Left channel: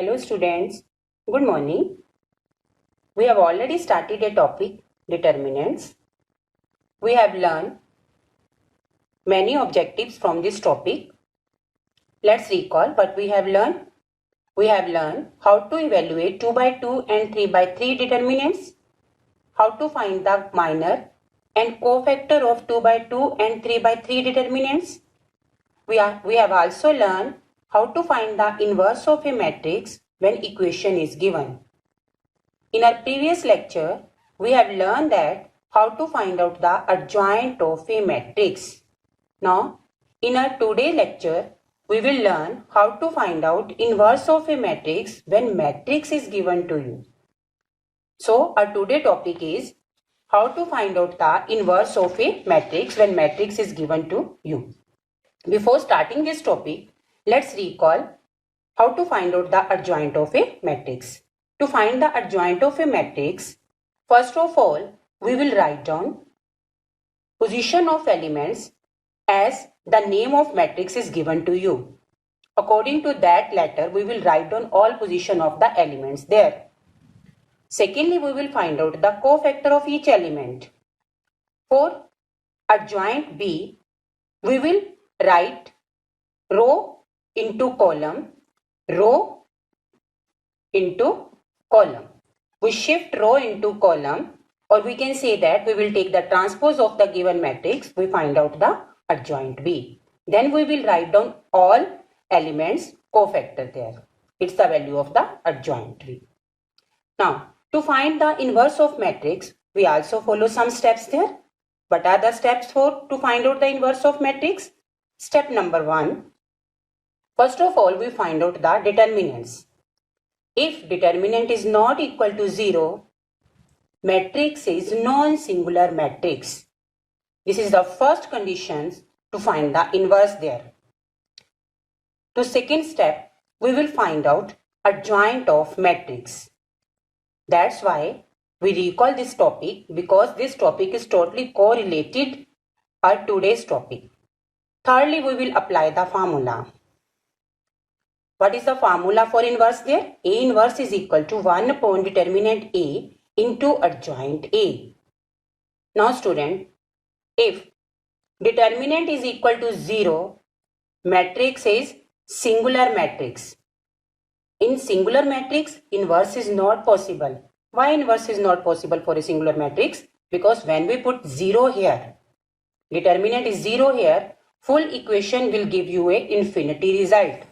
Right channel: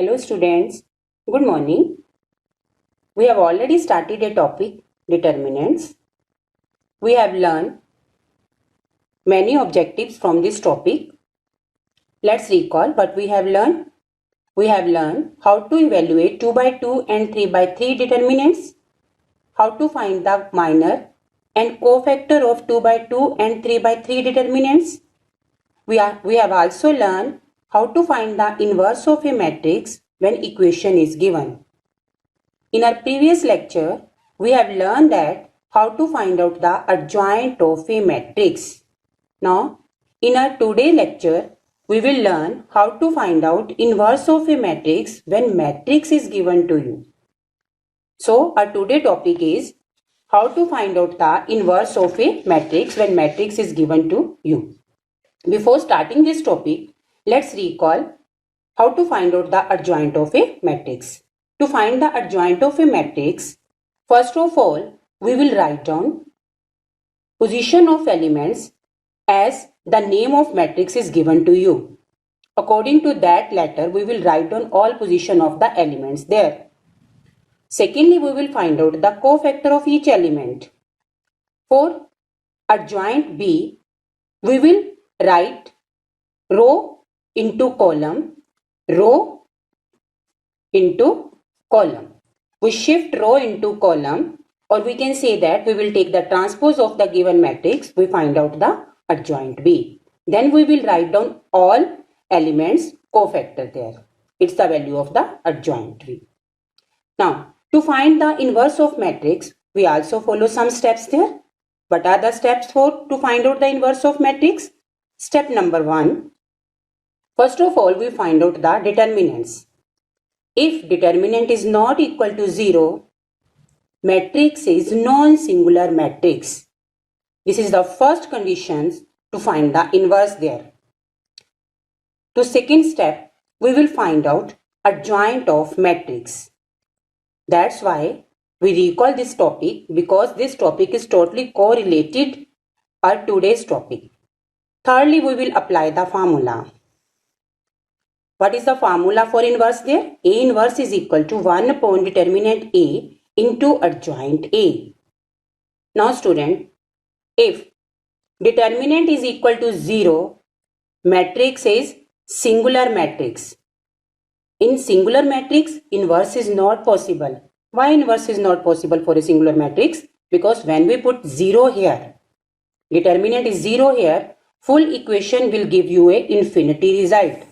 Hello students, good morning. We have already started a topic, determinants. We have learned many objectives from this topic. Let's recall what we have learned. We have learned how to evaluate 2 by 2 and 3 by 3 determinants, how to find the minor and cofactor of 2 by 2 and 3 by 3 determinants. We have also learned how to find the inverse of a matrix when equation is given. In our previous lecture, we have learned that how to find out the adjoint of a matrix. Now, in our today lecture, we will learn how to find out inverse of a matrix when matrix is given to you. So, our today topic is how to find out the inverse of a matrix when matrix is given to you. Before starting this topic, let's recall how to find out the adjoint of a matrix. To find the adjoint of a matrix, first of all, we will write down position of elements as the name of matrix is given to you. According to that letter, we will write down all position of the elements there. Secondly, we will find out the cofactor of each element. For adjoint B, we will write row into column, row into column. We shift row into column, or we can say that we will take the transpose of the given matrix, we find out the adjoint B. Then we will write down all elements cofactor there. It's the value of the adjoint B. Now, to find the inverse of matrix, we also follow some steps there. What are the steps to find out the inverse of matrix? Step number 1. First of all, we find out the determinants. If determinant is not equal to 0, matrix is non-singular matrix. This is the first condition to find the inverse there. To second step, we will find out adjoint of matrix. That's why we recall this topic, because this topic is totally correlated to today's topic. Thirdly, we will apply the formula. What is the formula for inverse there? A inverse is equal to 1 upon determinant A into adjoint A. Now student, if determinant is equal to 0, matrix is singular matrix. In singular matrix, inverse is not possible. Why inverse is not possible for a singular matrix? Because when we put 0 here, determinant is 0 here, full equation will give you a infinity result.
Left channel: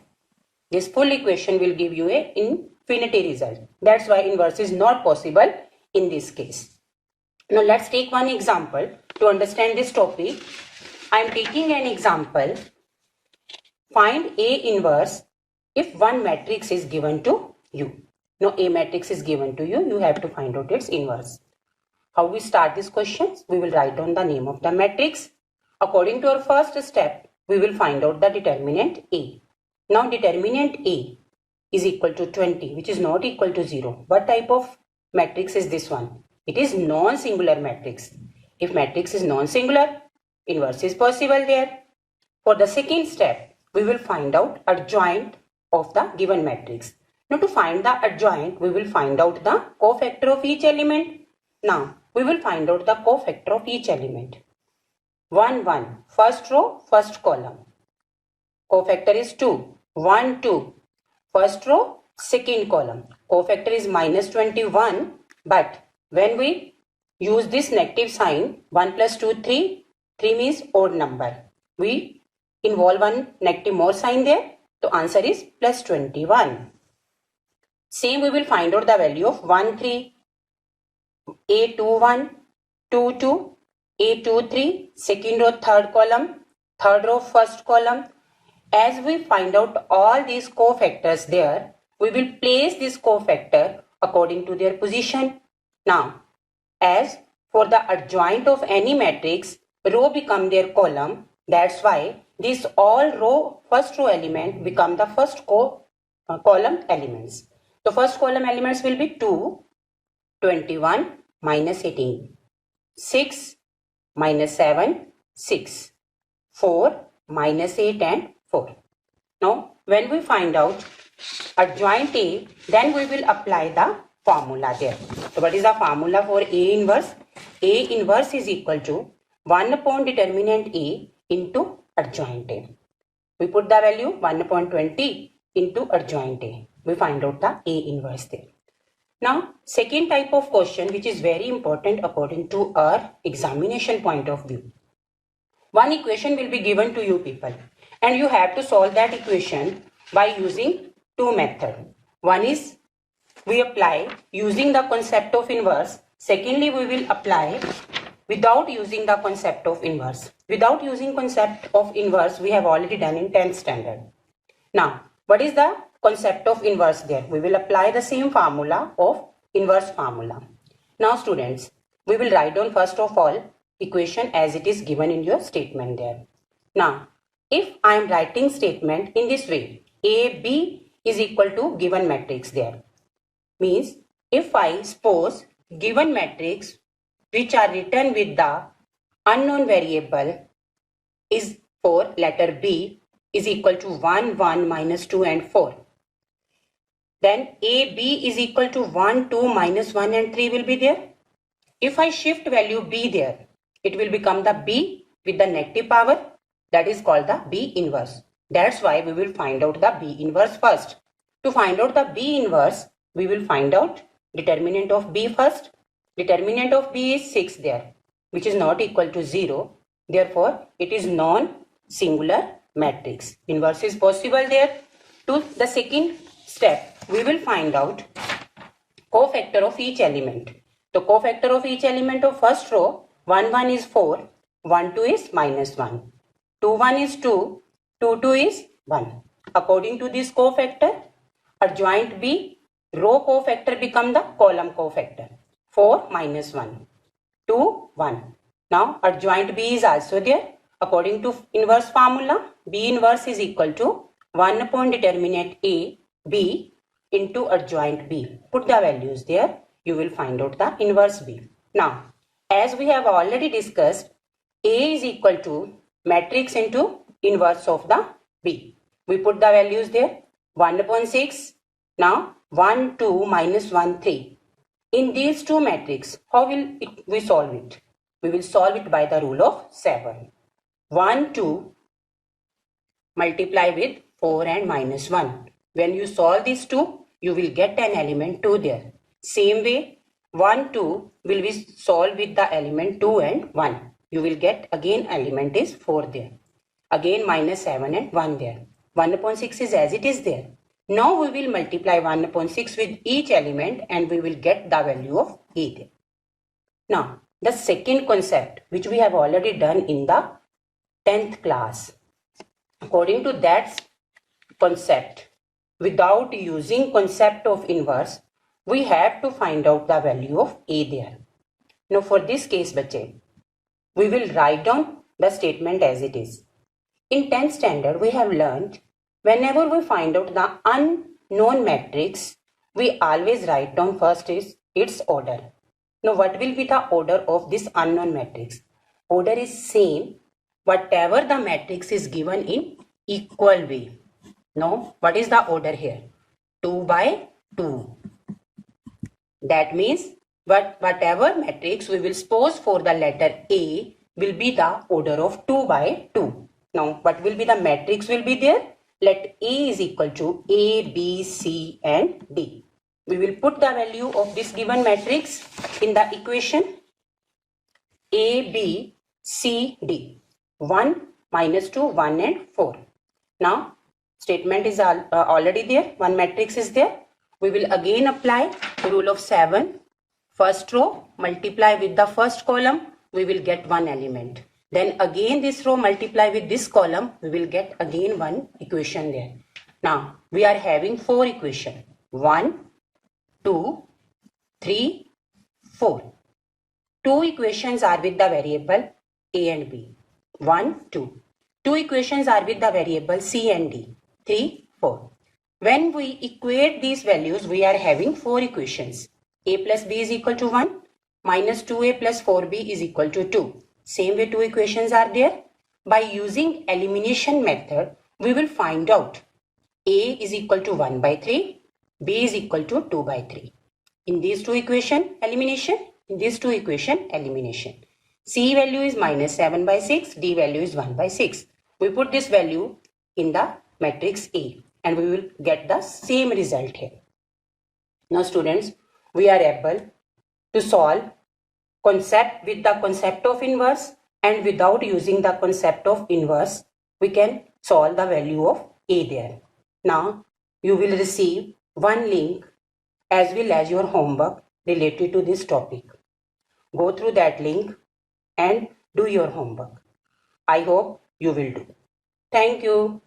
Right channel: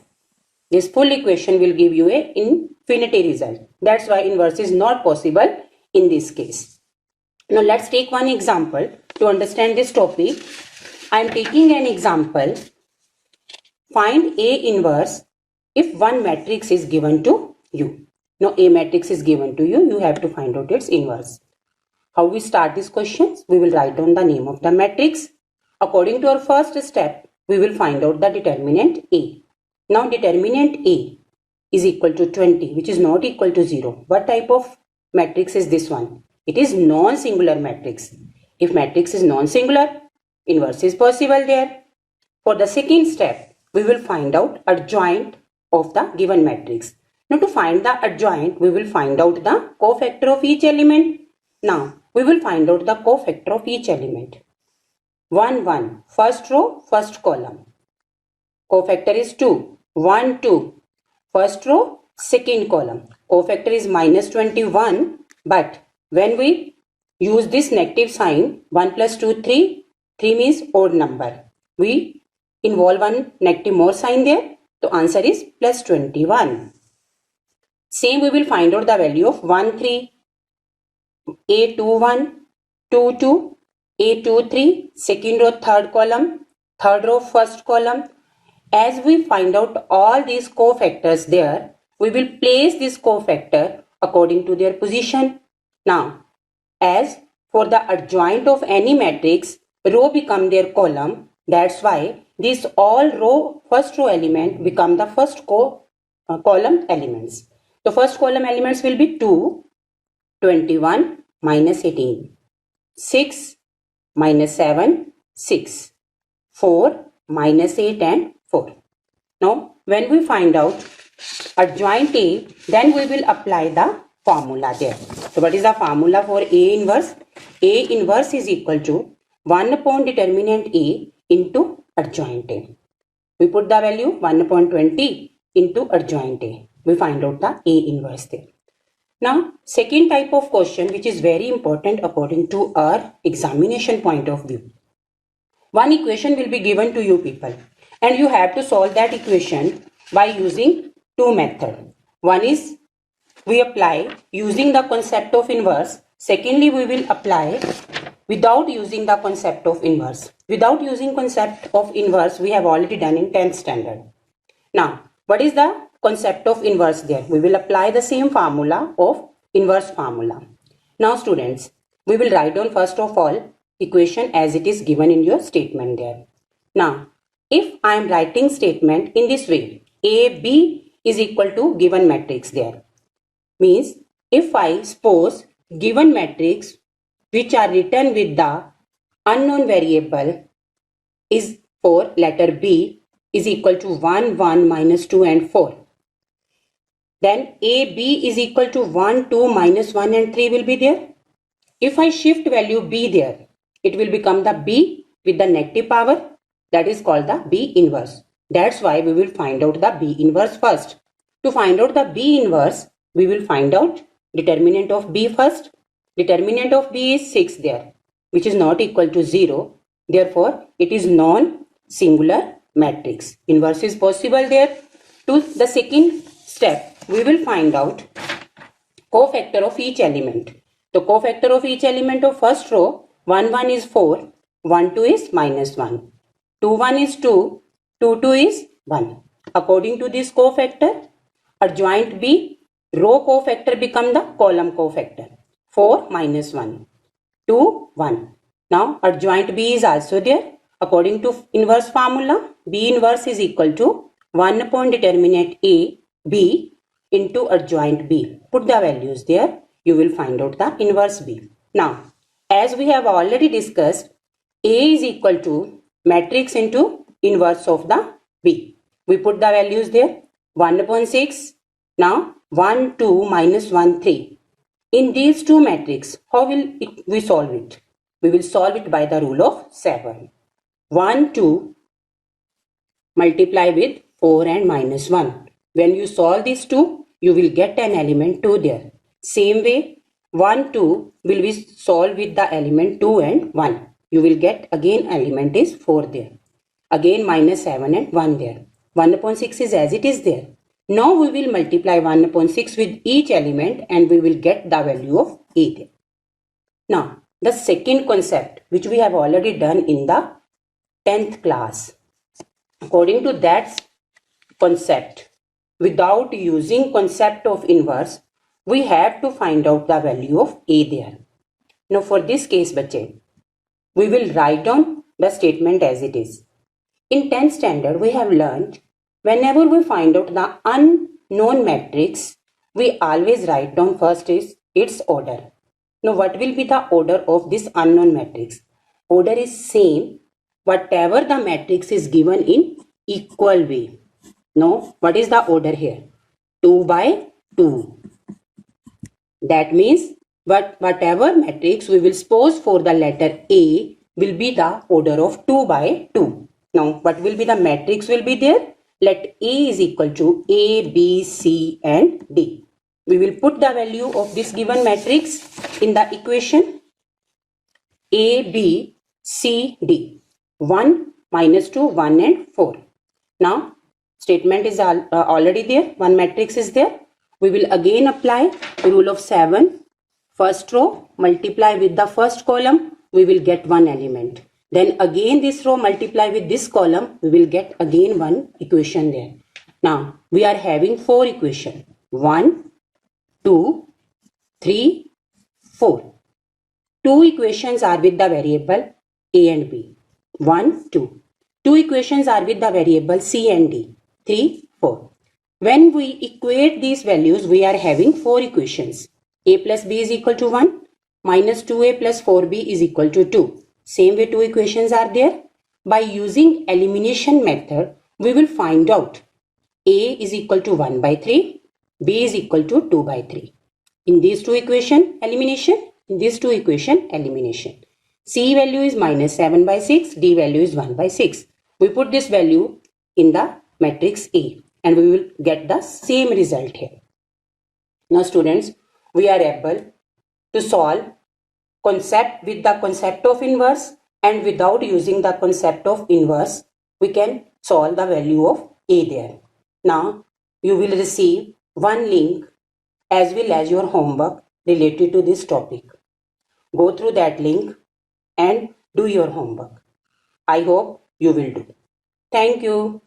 This full equation will give you a infinity result. That's why inverse is not possible in this case. Now let's take one example to understand this topic. I am taking an example. Find A inverse if one matrix is given to you. Now A matrix is given to you, you have to find out its inverse. How we start this question? We will write down the name of the matrix. According to our first step, we will find out the determinant A. Now determinant A is equal to 20, which is not equal to 0. What type of matrix is this one? It is non-singular matrix. If matrix is non-singular, inverse is possible there. For the second step, we will find out adjoint of the given matrix. Now to find the adjoint, we will find out the cofactor of each element. Now we will find out the cofactor of each element. 1, 1, first row, first column. Cofactor is 2. 1, 2. First row, second column. Cofactor is minus 21. But when we use this negative sign, 1 plus 2, 3. 3 means odd number. We involve one negative more sign there. The answer is plus 21. Same we will find out the value of 1, 3. A2, 1. 2, 2. A2, 3. Second row, third column. Third row, first column. As we find out all these cofactors there, we will place this cofactor according to their position. Now, as for the adjoint of any matrix, row become their column. That's why these all row, first row element become the first column elements. The first column elements will be 2, 21, minus 18. 6, minus 7, 6. 4, minus 8 and 4. Now, when we find out adjoint A, then we will apply the formula there. So what is the formula for A inverse? A inverse is equal to 1 upon determinant A into adjoint A. We put the value 1 upon 20 into adjoint A. We find out the A inverse there. Now, second type of question which is very important according to our examination point of view. One equation will be given to you people and you have to solve that equation by using two methods. One is we apply using the concept of inverse. Secondly, we will apply without using the concept of inverse. Without using concept of inverse, we have already done in 10th standard. Now, what is the concept of inverse there? We will apply the same formula of inverse formula. Now students, we will write down first of all equation as it is given in your statement there. Now, if I am writing statement in this way, AB is equal to given matrix there. Means if I suppose given matrix which are written with the unknown variable is for letter B is equal to 1, 1, minus 2 and 4. Then AB is equal to 1, 2, minus 1 and 3 will be there. If I shift value B there, it will become the B with the negative power, that is called the B inverse. That's why we will find out the B inverse first. To find out the B inverse, we will find out determinant of B first. Determinant of B is 6 there, which is not equal to 0. Therefore, it is non-singular matrix. Inverse is possible there. To the second step, we will find out cofactor of each element. The cofactor of each element of first row, 1, 1 is 4, 1, 2 is minus 1, 2, 1 is 2, 2, 2 is 1. According to this cofactor, adjoint B, row cofactor become the column cofactor. 4 minus 1, 2, 1. Now adjoint B is also there. According to inverse formula, B inverse is equal to 1 upon determinant A, B into adjoint B. Put the values there. You will find out the inverse B. Now, as we have already discussed, A is equal to matrix into inverse of the B. We put the values there. 1 upon 6. Now, 1, 2, minus 1, 3. In these two matrices, how will we solve it? We will solve it by the rule of 7. 1, 2 multiply with 4 and minus 1. When you solve these two, you will get an element 2 there. Same way, 1, 2 will be solved with the element 2 and 1. You will get again element is 4 there. Again minus 7 and 1 there. 1 upon 6 is as it is there. Now we will multiply 1 upon 6 with each element and we will get the value of A there. Now, the second concept which we have already done in the 10th class. According to that concept, without using concept of inverse, we have to find out the value of A there. Now for this case, bache, we will write down the statement as it is. In 10th standard, we have learned whenever we find out the unknown matrix, we always write down first is its order. Now what will be the order of this unknown matrix? Order is same whatever the matrix is given in equal way. Now what is the order here? 2 by 2. That means whatever matrix we will suppose for the letter A will be the order of 2 by 2. Now what will be the matrix will be there? Let A is equal to A, B, C and D. We will put the value of this given matrix in the equation A, B, C, D. 1, minus 2, 1 and 4. Now statement is already there. One matrix is there. We will again apply the rule of 7. First row multiply with the first column. We will get one element. Then again this row multiply with this column. We will get again one equation there. Now we are having 4 equations. 1, 2, 3, 4. 2 equations are with the variable A and B. 1, 2. 2 equations are with the variable C and D. 3, 4. When we equate these values, we are having 4 equations. A plus B is equal to 1. Minus 2A plus 4B is equal to 2. Same way 2 equations are there. By using elimination method, we will find out A is equal to 1 by 3, B is equal to 2 by 3. In these two equation, elimination. In these two equation, elimination. C value is minus 7 by 6, D value is 1 by 6. We put this value in the matrix A and we will get the same result here. Now students, we are able to solve concept with the concept of inverse, and without using the concept of inverse, we can solve the value of A there. Now you will receive one link as well as your homework related to this topic. Go through that link and do your homework. I hope you will do. Thank you.